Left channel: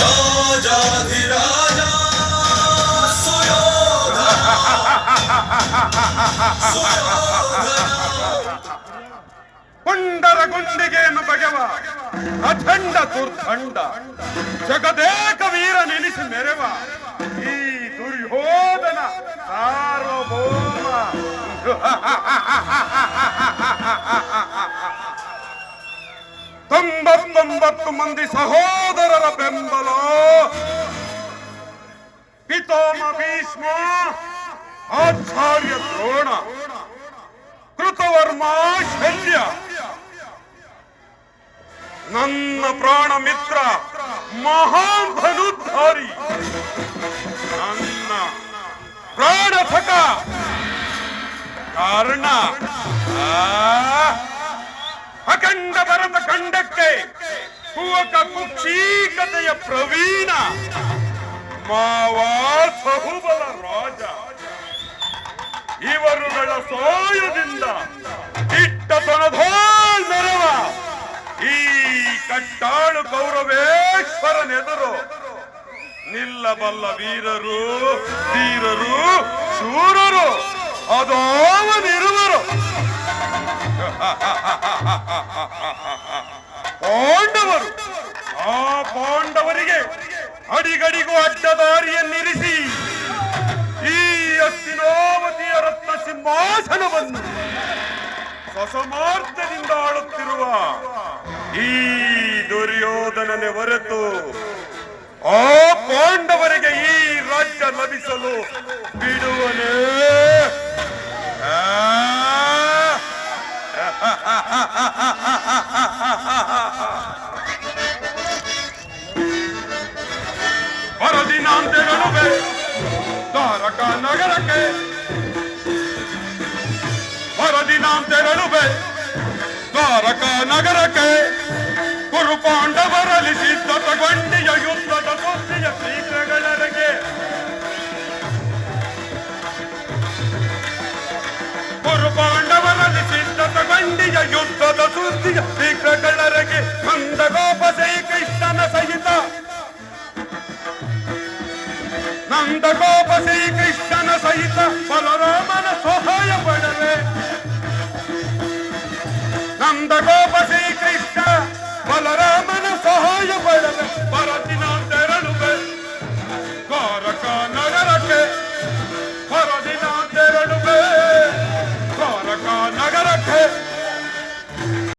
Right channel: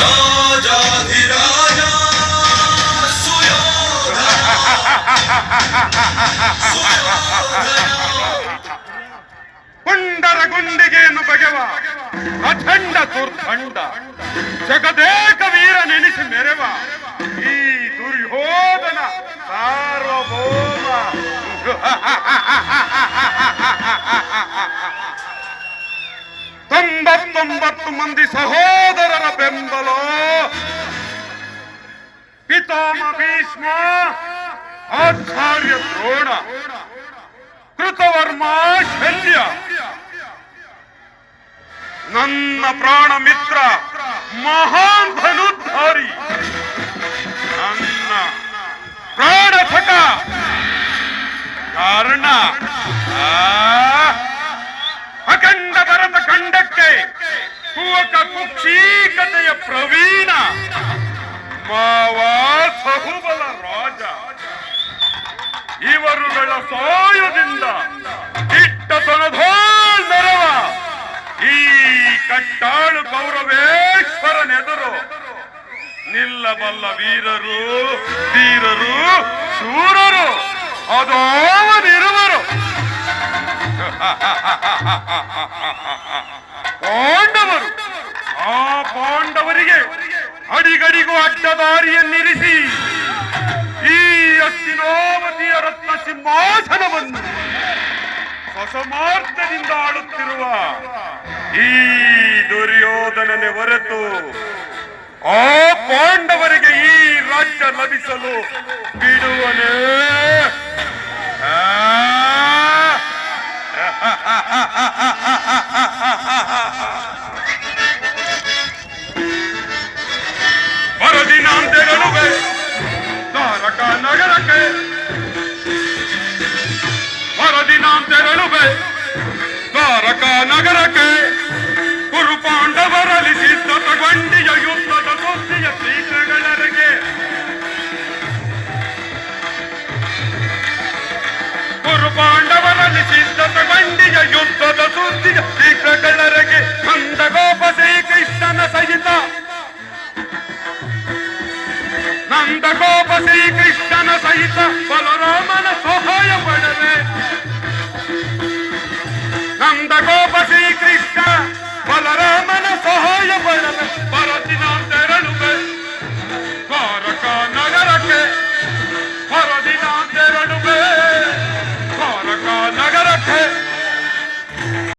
ರಾಜಾಧಿರಾಜ ಪುಂಡರ ಗುಂಡಿಗೆಯನ್ನು ಬಗೆವ ಅಖಂಡ ದುರ್ದಂಡ ಜಗದೇಕ ವೀರ ನೆನೆಸಿ ಮೆರೆವ ಈ ದುರ್ಯೋಧನ ಸಾರ್ವಭೌಮ ತೊಂಬತ್ತೊಂಬತ್ತು ಮಂದಿ ಸಹೋದರರ ಬೆಂಬಲ ಪಿತಾಮ ಭೀಷ್ಮ ಆಚಾರ್ಯ ದ್ರೋಣ ಕೃತವರ್ಮ ಶಲ್ಯ ನನ್ನ ಪ್ರಾಣ ಮಿತ್ರ ಮಹಾನ್ ಧನುಧಾರಿ ನನ್ನ ಪ್ರಾಣಥಕ ಕಾರಣ ಪ್ರವೀಣ. ಮಾವ ಸಹುಬಲ ರಾಜ. ಇವರುಗಳ ಸಹಾಯದಿಂದ ಇಟ್ಟತನಧೋಳ್ ನೆರವ ಈ ಕಟ್ಟಾಳು ಗೌರವೇಶ್ವರನೆದುರು ನಿಲ್ಲಬಲ್ಲ ವೀರರು ವೀರರು ಶೂರರು ಅದೋವನಿರುವರು ಪಾಂಡವರು. ಆ ಪಾಂಡವರಿಗೆ ಅಡಿಗಡಿಗೂ ಅಡ್ಡ ದಾರಿಯನ್ನಿರಿಸಿ ಈ ಅಸ್ತಿನೋಮತಿಯ ರತ್ನ ಸಿಂಹಾಸನವನ್ನು ಸಸಮಾರ್ಥದಿಂದ ಆಡುತ್ತಿರುವ ಈ ದುರ್ಯೋಧನನೆ ಹೊರತು ಆ ಪಾಂಡವರಿಗೆ ಈ ರಾಜ್ಯ ಲಭಿಸಲು ಬಿಡುವನೇ ವರದಿನಾಂತೆಗಳುವೆ ತಾರಕ ನಗರಕ್ಕೆ ವರದಿನಾಂತೆಗಳುವೆ ತಾರಕ ನಗರಕ್ಕೆ ಕುರು ಪಾಂಡವರಲ್ಲಿ ಸಿದ್ಧತಗೊಂಡಿಯ ಯುದ್ಧದ ಸುದ್ದಿಯ ಶ್ರೀಕೃಗಳರಿಗೆ ಕುರು ಪಾಂಡವರಲ್ಲಿ ಸಿದ್ಧತಗೊಂಡಿಯ ಯುದ್ಧದ ಸುದ್ದಿಯ ಶ್ರೀಕೃಗಳರಿಗೆ ನಂದಗೋಪ ಶ್ರೀಕೃಷ್ಣನ ಸಹಿತ శ్రీ కృష్ణ సహిత